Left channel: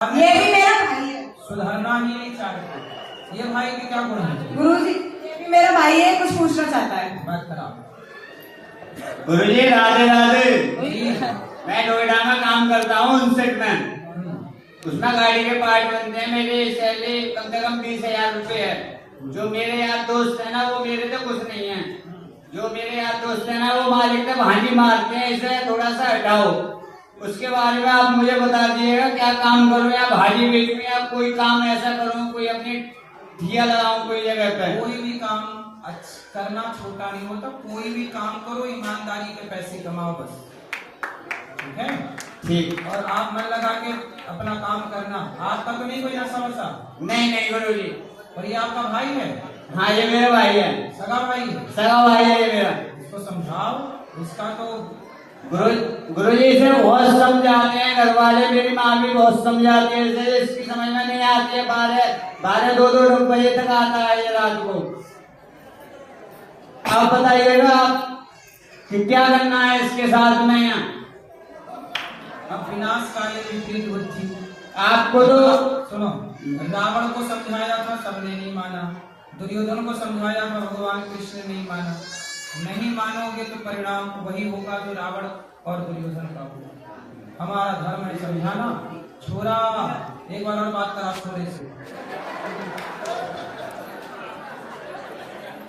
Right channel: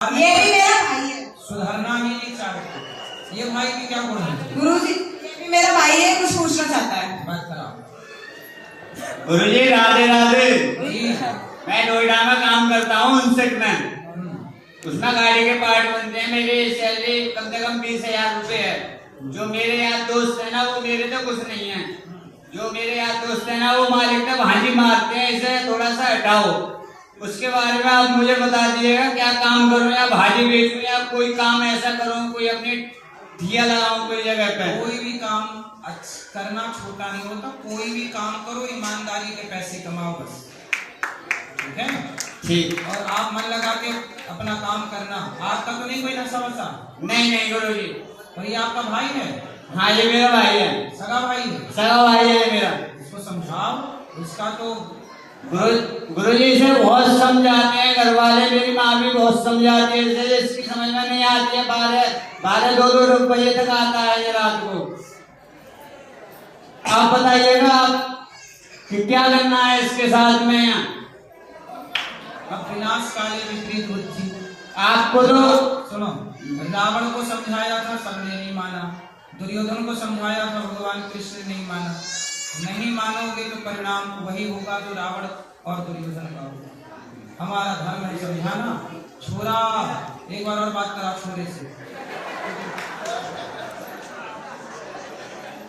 ये भी मेरा भाई है। सुधरना ही नहीं चाहते। ये भाई की क्या गुण है? गुरुजी ये भी मेरा भाई है, कुछ पूछना चाहता है। बात कराओ। गुरुजी राधे राधे। जी। मैं नोएडा में काम करता हूँ इंसेक्ट में। उसमें गाड़ी के पार्ट बनते हैं। मेरी सैलरी कम से कम 20,000 रुपए है। जो मेरे यार दोस्त है ना वो मेरे तो कुछ नहीं है। जो मेरे यार दोस्त है ना वो मालिक ने भाजी मारते हैं, इसे थोड़ा सा हटाओ। उसके बारे में आप मुझे बता दीजिएगा, क्या काम करूं या भाजी बेचूं या कोई काम ऐसा करूं, कोई अपनी दिया लगाऊं कोई जगह पे। कोई भी काम करना छोटा नहीं होता। कोई भी काम करो, ईमानदारी के पैसे कमाओ बस। ठीक है? ठीक। और आप मन लगा के अपना काम करना। आज तक तो नहीं कोई नशा वशा? नहीं नहीं गुरुजी। और ये आपका भाई है? हाँ ये मेरा भाई है। सगा भाई है? सगा भाई है ये मेरा। इसको समझाओ। इसका तो गुरुजी से बहुत समझाते हैं घर वाले, मेरी माँ भी बहुत समझाती है, इसे इसकी समझ में नहीं आती है। 12-2 रुपये तक आता है ये रात को। आप बताइएगा कि क्या करना है इसके साथ में। अब विनाश काले विपरीत बुद्धि। आपको तो सुनो, रावण को समझाया था, सबने नहीं माना। दुर्योधन को समझाया था, भगवान कृष्ण ने नहीं माना। नहीं मानोगे तो परिणाम वही होगा जो रावण और दुर्योधन का होगा। हमारा धर्म है समझाना। छोरा एक बार और बात करा छोरे से।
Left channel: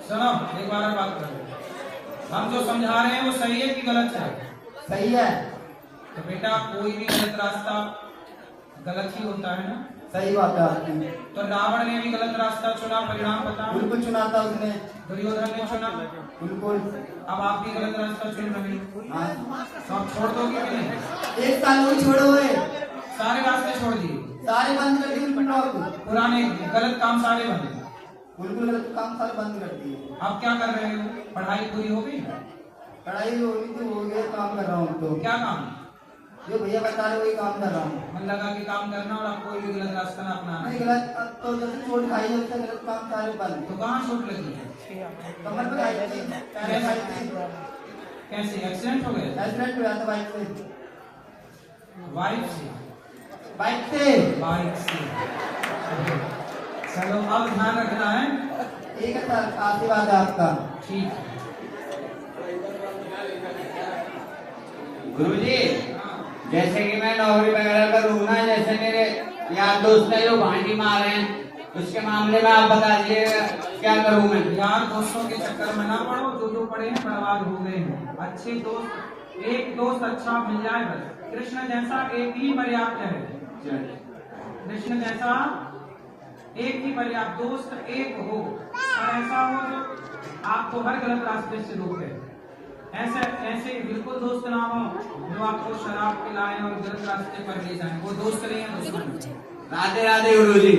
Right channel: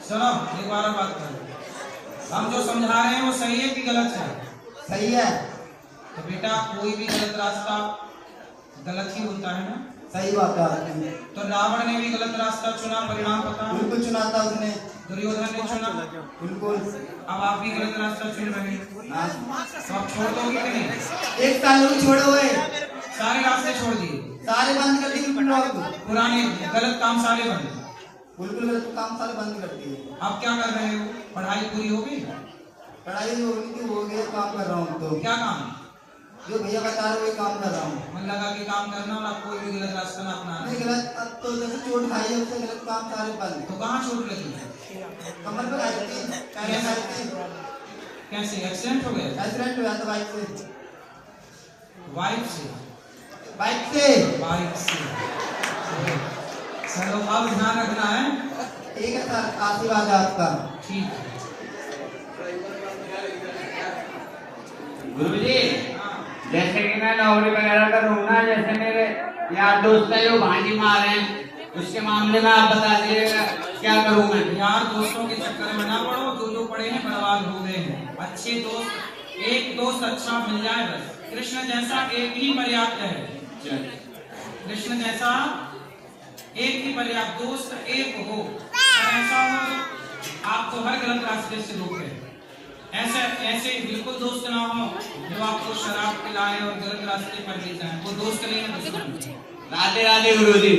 सुनो, एक बार और बात करो। हम जो समझा रहे हैं वो सही है कि गलत है? सही है। तो बेटा कोई भी गलत रास्ता गलत ही होता है ना। सही बात है आपकी। तो रावण ने भी गलत रास्ता चुना, परिणाम पता। बिल्कुल चुना था उसने। दुर्योधन ने चुना। बिल्कुल। अब आप भी गलत रास्ता चुन रहे हैं। तो आप छोड़ दोगे कि नहीं? 1 साल हो छोड़ो है। सारे रास्ते छोड़ दिए, सारे बंद कर दिए। पुराने गलत काम सारे बंद। बिल्कुल गलत काम सारे बंद कर दिए। अब क्या कर रहे हो? पढ़ाई पूरी होगी? पढ़ाई होगी तो हो गया, काम कर रहा हूँ। तो क्या काम? जो भैया बता रहे वही काम कर रहा हूँ। मन लगा के काम करना और कोई भी गलत रास्ता ना अपनाना। नहीं गलत तो जैसे चोट खाई है उससे गलत काम सारे बंद। तो कहाँ चोट लगी? कमर पे आई थी, पैर में आई थी। कैसे एक्सीडेंट हो गया? एक्सीडेंट हुआ था बाइक से। बाइक से? बाइक से। बाइक से। चलो अब ध्यान रखना है। ठीक है सर, आशीर्वाद है आपका। ठीक है। गुरुजी जैसे कि मैं नौकरी वगैरह कर रहा ना, जैसे मेरे यार दोस्त है जो भांजी मार रहे हैं, उसके मामले में आप बता दीजिएगा क्या करूं मैं। यार दोस्तों के चक्कर में ना पड़ो। जो पड़े हैं बर्बाद हो गए हैं। अच्छे दोस्त, एक दोस्त अच्छा मिल जाए बस। कृष्ण जैसा एक ही पर्याप्त है। कृष्ण जैसा एक ही पर्याप्त दोस्त एक हो। और ऐसा हो आप तो हर गलत रास्ते से रोके। ऐसे बिल्कुल दोस्त ना हो जो आपको शराब पिलाए और गलत रास्ते पर ले जाए। वो दोस्त नहीं है। राधे राधे गुरुजी।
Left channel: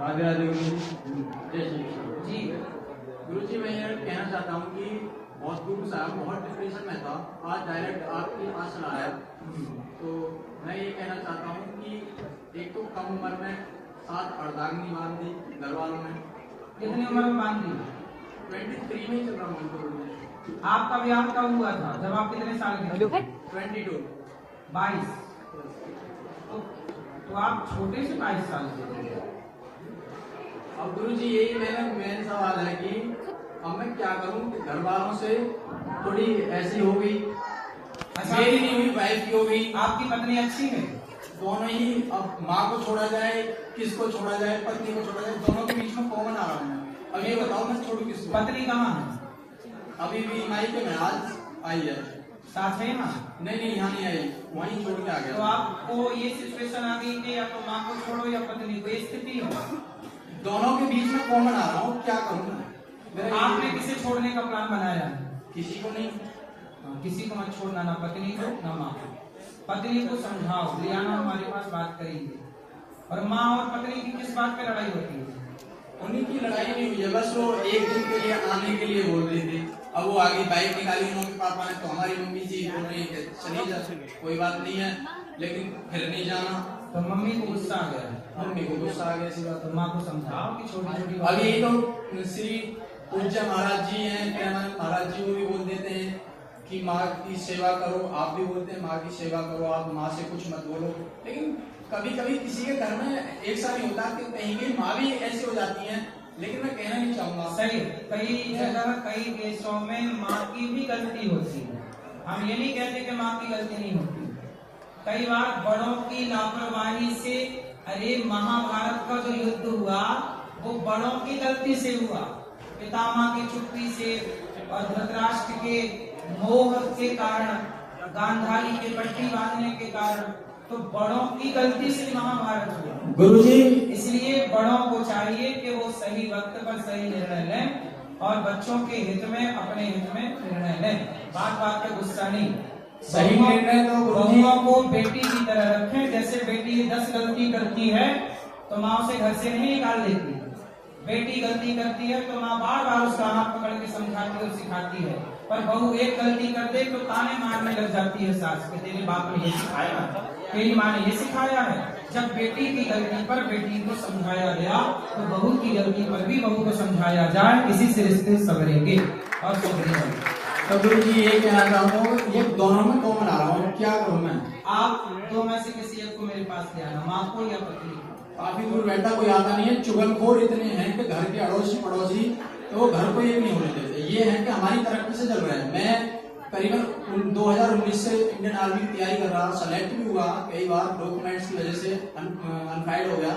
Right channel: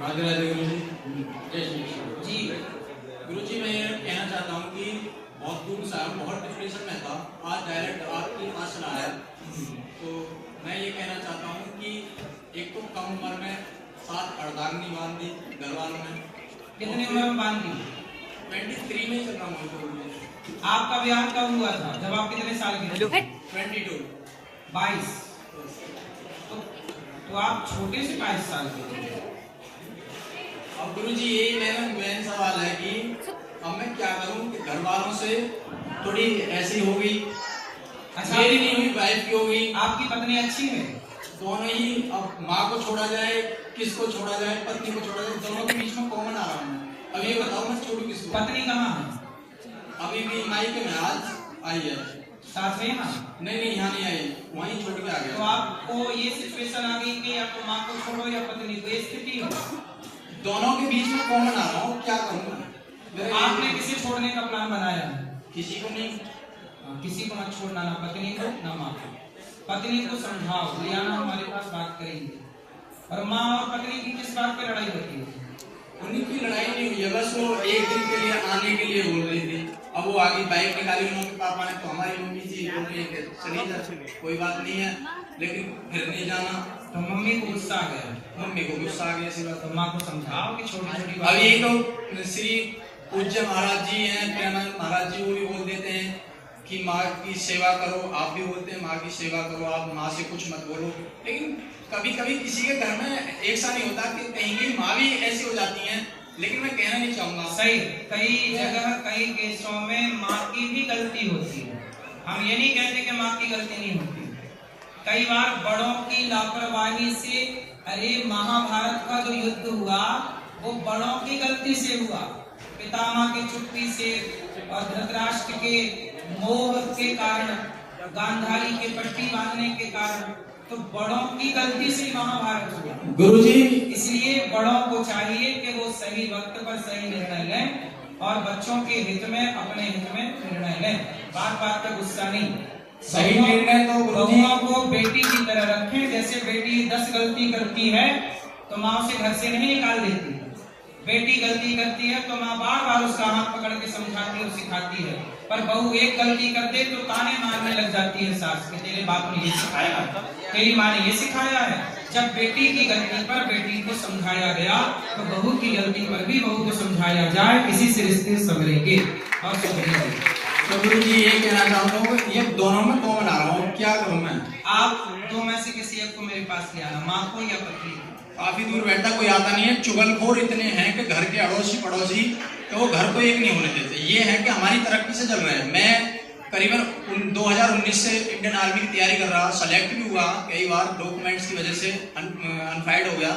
राधे राधे गुरुजी। जी। गुरुजी मैं ये कहना चाहता हूँ कि बहुत दूर से आया, बहुत डिप्रेशन में था, आज डायरेक्ट आपकी आसन आया। तो मैं ये कहना चाहता हूँ कि एक तो कम उम्र में 7 अर्धांगिनी बांध दी घर वालों ने। कितनी उम्र में बांध दी? 23 में ही चल रहा हूँ। आपका ब्याह कब हुआ था? जब आप कितने साल के थे? 22। 22। तो आप छोटे से 22 साल के थे। अब गुरुजी यही मेरा मेन सवाल है कि अब मैं क्या करूँ कि घर वालों से थोड़ी ऐसी हो गई। अच्छा, मेरी नहीं हुई, वाइफ की हो गई। आपकी पत्नी अच्छी है? दोनों ही, अब माँ को छोड़ा जाए, किसको छोड़ा जाए, पत्नी को छोड़ा जाए, दोनों के बीच में कॉमन आ रहा हूँ मैं। अब ये बताओ मैं छोड़ू किसको? पत्नी कहाँ है? अभी भी मायके में आज आई है। साथ में ना? नहीं यहाँ नहीं आई, वहीं छोड़ के आ तो गया। आपको ये सिचुएशन आ गई कि या तो माँ को छोड़ो या पत्नी को। ये स्थिति हो। दोनों के बीच में कॉमन आ रहा हूँ, क्या करूँ मैं? आपने किसे छोड़ने का प्लान बनाया है? किसी को नहीं। किसी को मत छोड़ना, ना पत्नी को ना माँ को। पत्नी को समझाओ, लियाना हमारे पास बात करेंगे। और माँ और पत्नी की किस बात पे लड़ाई होती है? उन्हीं की लड़ाई नहीं हुई है, बस वो एक दिन के लिए आने के लिए बोल रही थी। अब वो आगे बाइक निकाली उन्होंने पापा ने, तो हमारी मम्मी जी बोल रही है चली जा, कोई बात नहीं है, लेकिन फिर नहीं जाना। तो मम्मी को गुस्सा आ गया। मम्मी को गुस्सा आ गया इसी बात। तो माँ को समझाओ कि छोटी छोटी अब यही तो श्री पूज्य महाराज जी हैं, प्रेमानंद महाराज जी, वो भी बोल देते हैं कि माँ की सेवा करो, आप भी बोलते हैं माँ की सेवा करो, आप माँ से कुछ मत बोलो, लेकिन कभी कभी किसी के घर में एक सा नहीं होता कि कहीं की माँ भी ऐसी हो जाती हैं, लेकिन मैं कहना नहीं चाहूँगा। सही, कई जगह कई केसों में माँ की भी गलती होती है। हम ये नहीं कहते कि माँ की गलती नहीं होती। कई बार बड़ों की लापरवाही से, अरे महाभारत का जो युद्ध हुआ वो बड़ों की गलती से हुआ, पितामह की चुप्पी से और धृतराष्ट्र के मोह के कारण, गांधारी के पट्टी बांधने के कारण, तो बड़ों की गलती से महाभारत हुआ। गुरुजी, इसलिए बड़ों को चाहिए कि वो सही वक्त पर सही निर्णय लें और बच्चों के हित में, अपने हित में निर्णय लें। बात बात पे गुस्सा नहीं। सही निर्णय तो बहुओं को बेटी की तरह रखें। जैसे बेटी 10 गलती करती है तो माँ उसे घर से नहीं निकाल देती। बेटी गलती करती है तो माँ बार बार उसका हाथ पकड़ के समझाती और सिखाती है। पर बहू एक गलती कर दे तो ताने मारने लग जाती है सास के, तेरे बाप ने ये सिखाया, तेरी माँ ने ये सिखाया है। जब बेटी की गलती पर बेटी को समझाया गया तो बहू की गलती पर भी बहू को समझाया जाए, इसी से रिश्ते संवरेंगे और सुधरेंगे। तो गुरुजी ये कहना चाहता हूँ, ये दोनों में दो बना रहा हूँ, क्या करूँ मैं? आप दो में से किसी एक को मेरे पास ले आना, माँ को या पत्नी को। काफी दूर बैठा कोई आता नहीं है, चुगलखोर इतने हैं कि घर के अड़ोसी पड़ोसी तो वो घर को एक नहीं होने देते। ये है कि हमारी तरक्की से चल रहे हैं। मैं करीबन 2019 से इंडियन आर्मी की तैयारी कर रहा, सेलेक्ट भी हुआ कई बार, डॉक्यूमेंट्स की वजह से अनफाइड हो गया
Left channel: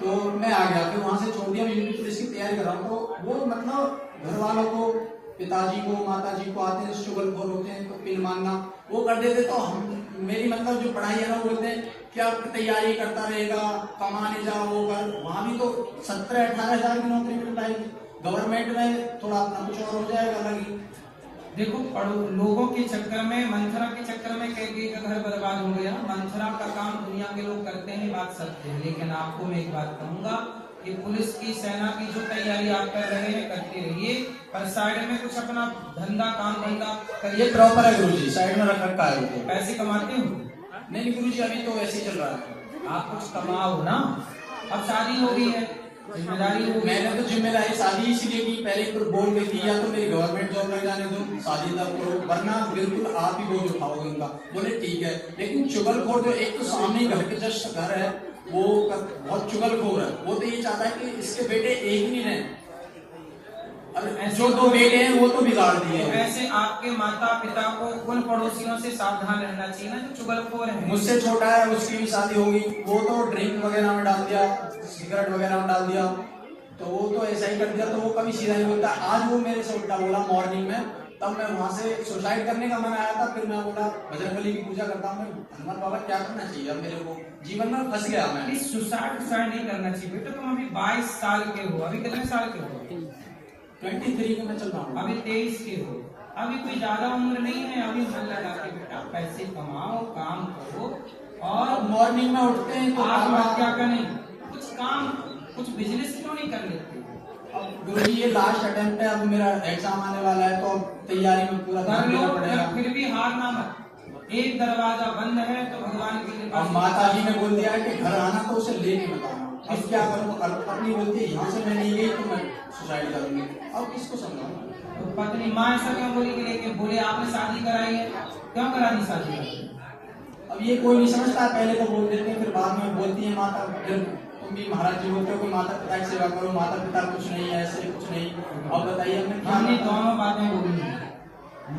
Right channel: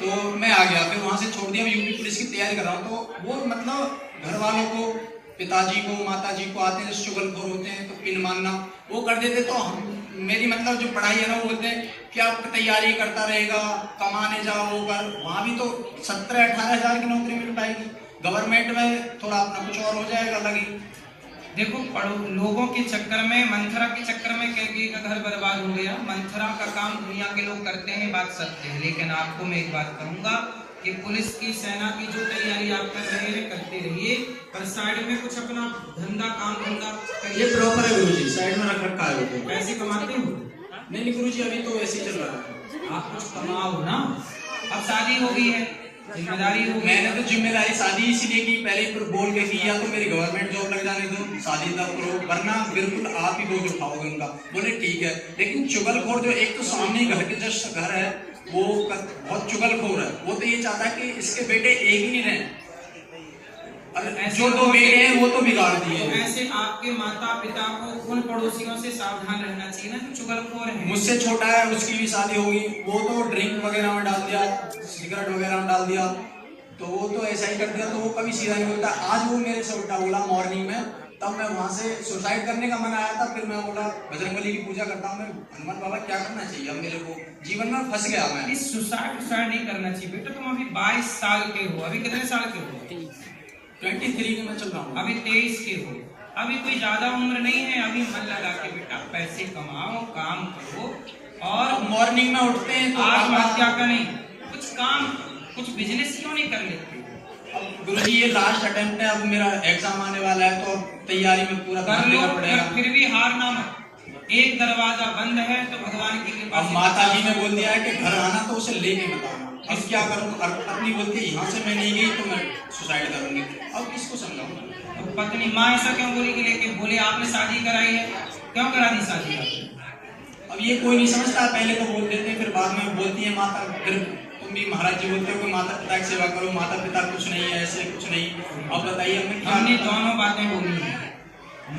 तो मैं आ गया, फिर वहाँ से छोड़ दिया। मैं यूपी पुलिस की तैयारी कर रहा हूँ। तो वो मतलब घर वालों को, पिताजी को, माताजी को आते हैं चुगलखोर होते हैं तो पिन मारना वो कर देते। तो हम, मेरी मतलब जो पढ़ाई है ना, वो बोलते हैं क्या तैयारी करता रहेगा, कमाने जाओ वो कर, वहाँ भी तो 17-18 हज़ार की नौकरी मिल पाएगी। गवर्नमेंट में थोड़ा अपना कुछ और हो जाएगा अलग ही। देखो, लोगों के चक्कर में, मंथरा के चक्कर में कैकेयी का घर बर्बाद हो गया। मंथरा का काम दुनिया के लोग करते हैं, बात सत्य है। लेकिन आपको मैं एक बात कहूंगा कि पुलिस की, सेना की जो तैयारी आप कर रहे हैं करते रहिए, और साइड में कुछ अपना धंधा, काम धंधा करिए। ये प्रॉपर है गुरुजी, साइड में रख रखा है। पैसे कमाते हो? नहीं गुरुजी, अभी तो ऐसे ही चल रहा है। आप कुछ कमाओ ना। अब शादी हो गई है, जिम्मेदारी हो गई। मैंने तो जिम्मेदारी शादी इसीलिए की, पहले पर बोल के की, या तो मेरी गवर्नमेंट जॉब लग जाने दो, शादी ना करो, वरना बिल्कुल आप ही बोझ उठाओगे उनका। बोले ठीक है, लेकिन चुगलखोर जो एक तो सामने घर के जस्ट घर है वो बहुत चुगलखोर है। वो तो ये चाहता है कि इसके बेटे एक ही नहीं रहे, और जो दो बेटे हैं वो तो बिगाड़ दिए। ऐसे आपके माता पिता को उन पड़ोसियों से सावधान रहना चाहिए ना जो चुगलखोर है। मुझसे छोटा है, उसकी भी शादी होगी, वो तो ड्रिंक वगैरह में डाल दिया, सिगरेट वगैरह में डाल दिया, तो वो तो ऐसा ही कर दिया। तो वो कभी सीधा नहीं बोलता। आज वो मेरे से उल्टा बोला मॉर्निंग में, तब मैं वहां से सुसाइड करने का मन आया था। फिर मैं बोला बजरंगबली की पूजा करता हूँ मैं, हनुमान बाबा क्या करना चाहिए अब मेरे को, जीवन में फंस गया मैं। सुसाइड नहीं करना चाहिए बेटा। तुम अभी 22 साल के हो। अभी कितने साल के हो? 23 का मैं चल रहा हूँ। अभी 23 के हो। अभी कोई ज्यादा उम्र नहीं है। अभी मन लगा के बेटा पैसे कमाओ, काम करो, और मॉर्निंग में उठते हैं तो आत्महत्या का नहीं, कुछ काम, कुछ बिजनेस क्यों नहीं कर लेते? अब गुरुजी ये लास्ट अटेम्प्ट है, अब मेरा एग्जाम आने वाला है, तो अब तैयारी में पूरा कर लो, पड़ेगा। फिर भी हारना मत। एक दरवाजा बंद है तो भगवान की कृपा अब से। माता जी ने बोल दिया है कि घर आना तो उसे लेके बताना। अब क्या करूँ? पत्नी बोलती है यहाँ से मैं नहीं गई तो मैं सुसाइड करूंगी। अब किसको समझाऊं? तो पत्नी, माँ ऐसा क्यों बोली कि लेके? बोले आपने शादी कराई है, क्यों करा दी शादी? अब ये कोई नहीं समझता। पहले तो बोल देते हैं, फिर बाद में बोलती है माता, फिर तुम भी महाराज जी बोलते हो कि माता पिता की सेवा करो, माता पिता कुछ नहीं है, ऐसे कुछ नहीं। अब बताइए हमने दोनों बातें बोली है।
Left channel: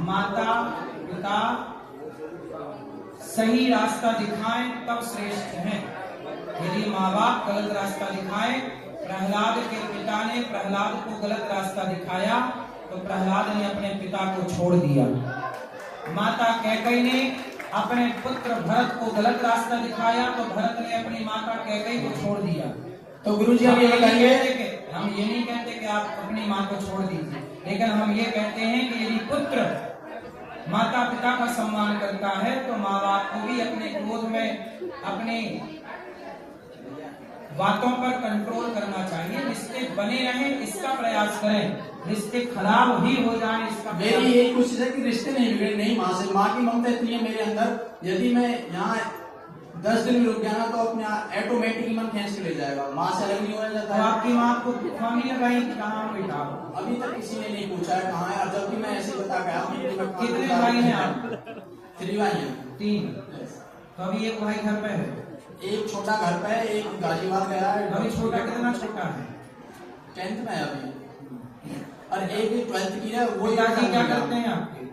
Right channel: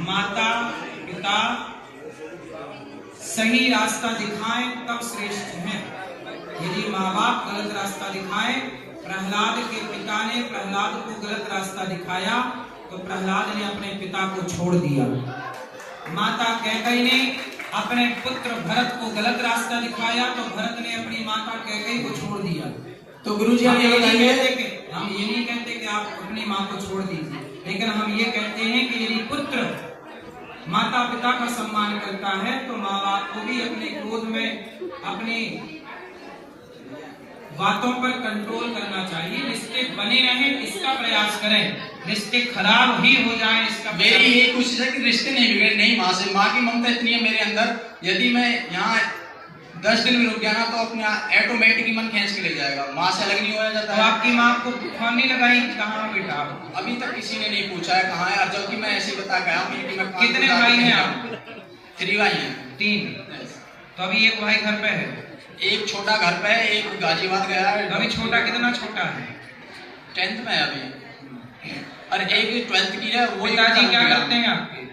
माता पिता सही रास्ता दिखाएं तब श्रेष्ठ है। यदि माँ बाप गलत रास्ता दिखाएं, प्रहलाद के पिता ने प्रहलाद को गलत रास्ता दिखाया तो प्रहलाद ने अपने पिता को छोड़ दिया। माता कैकेयी ने अपने पुत्र भरत को गलत रास्ता दिखाया तो भरत ने अपनी माता कैकेयी को छोड़ दिया। तो गुरुजी अब ये बताइए, हम ये नहीं कहते कि आप अपनी माँ को छोड़ दीजिए, लेकिन हम ये कहते हैं कि यदि पुत्र माता पिता का सम्मान करता है तो माँ बाप को भी अपने क्रोध में, अपनी बातों पर कंट्रोल करना चाहिए। रिश्ते बने रहें इसका प्रयास करें, रिश्ते खराब ही हो जाएं इसका। मेरी ये कोशिश है कि रिश्ते नहीं बिगड़े। नहीं, माँ से, माँ की ममता इतनी है मेरे अंदर, यदि मैं यहाँ 10 दिन भी रुक गया ना तो अपने ऑटोमेटिक ही मन खींच के ले जाएगा, माँ से अलग नहीं होया जाता तो है। आपकी माँ को फोन नहीं लगाई कहाँ हो बेटा आप? अभी तक किसी ने नहीं पूछा है कहाँ है, और जबकि मैं ऐसे बता गया हूँ कि मैं कितने भाई हैं आप? 3 भाई हैं। 3। तो अभी एक भाई घर पे है, एक छोटा घर पे है, एक गाजियाबाद गया है। तो अभी छोटा कितना छोटा है? 10th में है अभी, और एक 12th की है। वो पिताजी क्या करते हैं आपके?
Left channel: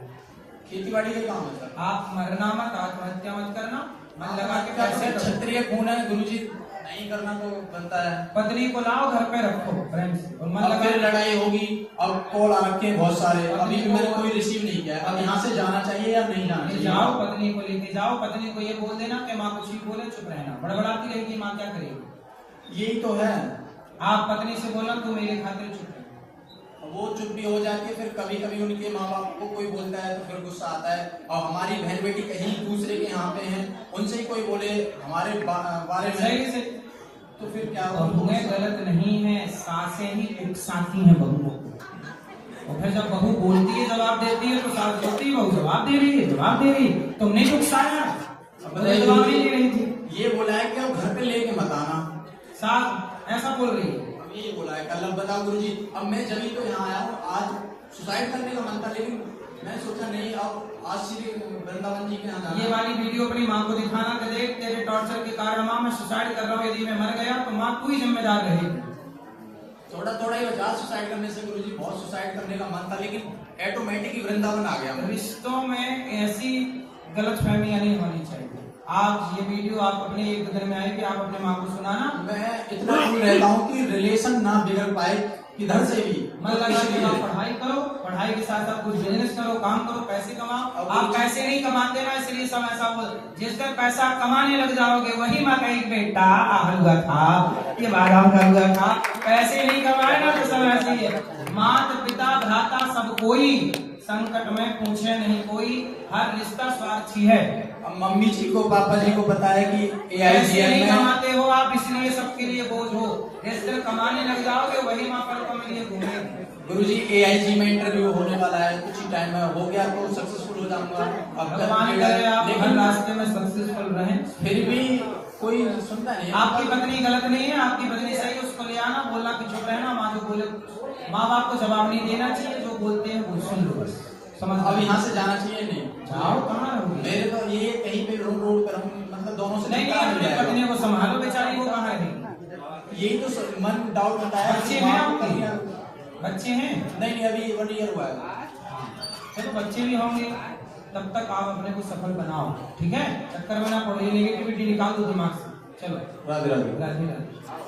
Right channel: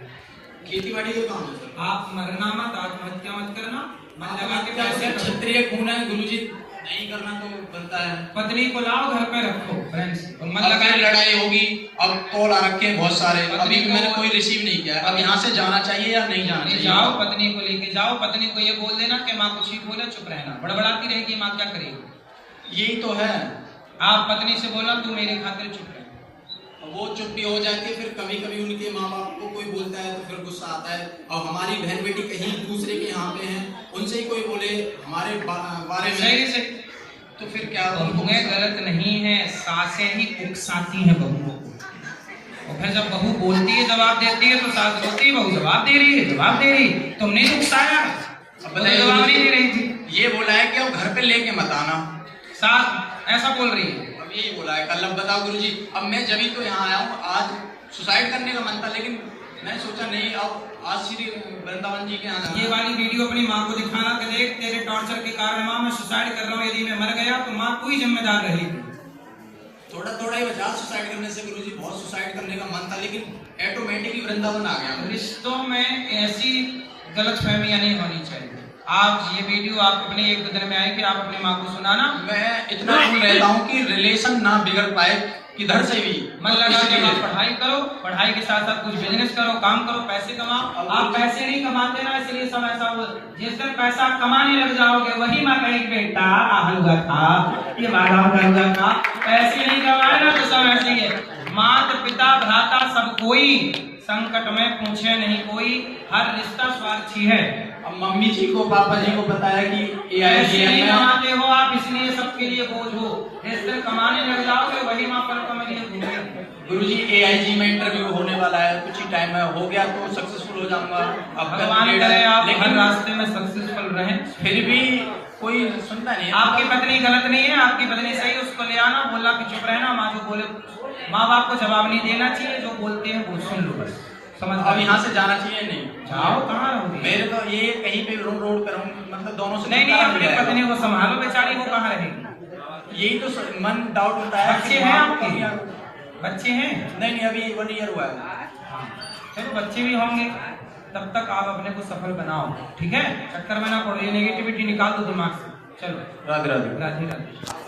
खेती बाड़ी का काम है सर। आप मरना मत, आत्महत्या मत करना, मन लगा के पैसे करो। क्षत्रिय खून है गुरुजी, नहीं करना तो बनता है। पत्नी को लाओ घर पे रखो फ्रेंड्स, और मन अब लगा फिर के लड़ाई होगी, अब कॉल आ रखे हैं बहुत सारे, पत्नी अभी भी को- मैंने कोई रिसीव नहीं किया। अब यहाँ से जाना चाहिए या नहीं जाना चाहिए? जाओ, पत्नी को लेके जाओ, पत्नी को ये बोल देना कि माँ कुछ ही बोले चुप रहना, बड़बड़ाती रहेगी माँ क्या करेगी? यही तो है। आप पत्नी से बोलना तू मेरे खातिर चुप रह। वो चुप भी हो जाती है, फिर कभी कभी उनके माँ बाप को कोई बोलता है तो फिर गुस्सा आता है। और हमारी बहन बेटी कहीं दूसरे के यहाँ पे हैं, उनसे ही कोई बोले हमारे बारे सही में से तो फिर क्या? बहुएं गलत नहीं है, सासें ही उकसाती हैं बहुओं को। और फिर जब बहू बोलती है जवाब देती है तो सास बोलती है बहू जवाब दे रही है, जवाब दे रही, तुमने उकसाया, अब बताइए जवाब नहीं दे रही थी। ये बोला है कि अब घर पे लेके मत आना, सास ऐसा बोल रही है। अब यही बोला है। कल अब बताओ गुरुजी, अब मैं जब ही तो यहाँ आया हूँ, आज सुसाइड करने का मन था, लेकिन मैंने सोचा नहीं, अब आज श्री वृंदावन जी के यहाँ जाना ये है। वाली वीडियो अपनी माँ को दिखाना कि देख तेरे टॉर्चर के कारण माँ मैं सुसाइड कर रहा हूँ, यदि मैं मर गया तो माँ तू ही जिम्मेदार रहेगी। थोड़ा थोड़ा ही बचा सुसाइड करने से गुरुजी, बहुत सुसाइड करने का मन था, लेकिन ऑटोमेटिक ही वृंदावन आ गया। रिश्तों में ऐसी गलतफहमियां नहीं होनी चाहिए। आप ये वीडियो आप अपने 1-2 दिन में आए कि आप अपनी माँ को सुनाना। मैं इतना दूर रहता हूँ कि रिलेशन ना बिगड़ पाए किधर से भी। मन लगा के इसलिए- आप पढ़ाई करो, पढ़ाई के साथ साथ कुछ बिजनेस करो, काम करो, पैसे कमाओ। आप पैसे नहीं कमाते ना, इसलिए सब ऐसा हो। जिस दिन पैसा कमाने लग जाओगे वही माँ कहेगी बेटा हलवा था, ये बादाम का हलवा था। पैसे नहीं कमाए ना तो सब ऐसे ही है। माता पिता भ्राता सब कोई संकट में पूछे नहीं कोई, हर रिश्ता स्वार्थी है। अब मम्मी जी को पापा जी को पता है कि पैसे नहीं AIGM में कमाते हो आप, इसलिए सबके लिए बोझ हो। जिस दिन कमाने लग जाओगे वही माँ पलकों में लिए घूमेगी। गुरुजी AIG में इंटरव्यू होने वाला है, कुछ ही टाइम में हो गया तो सक्सेसफुल हो जाऊंगा। अब भगवान करे आप हर लेकिन रास्ते में सक्सेसफुल रहें। फिर भी कोई सुनता नहीं है। आपकी पत्नी गलत नहीं है, आपकी पत्नी सही है, उसको ले आना, बोला कि चुप रहना, माँ जो बोले माँ बाप को जवाब नहीं देना चाहिए, जो बोलते हैं वो सुन लो बस, समझ। अब यहाँ से जाना चाहिए नहीं? जाओ, कहाँ रहोगे? मेरे तो ये कहीं पे रोड करूँ, मतलब दोनों से नहीं नहीं, छुटकारा मिल अपनी जाएगा। पत्नी को संभालो, बेचारी वो कहाँ रहेगी? यही तो मन डाउट होता है। बच्चे कि हैं वहाँ आपके? कभी- बच्चे हैं? नहीं अभी 1 ईयर हुआ है। चलो बच्चे भी होंगे, तब तक आप अपने को सफल बनाओ, ठीक है? चक्कर में ना पड़ो, ये नेगेटिविटी निकाल दो दिमाग से। चलो, राधे राधे। राधे राधे।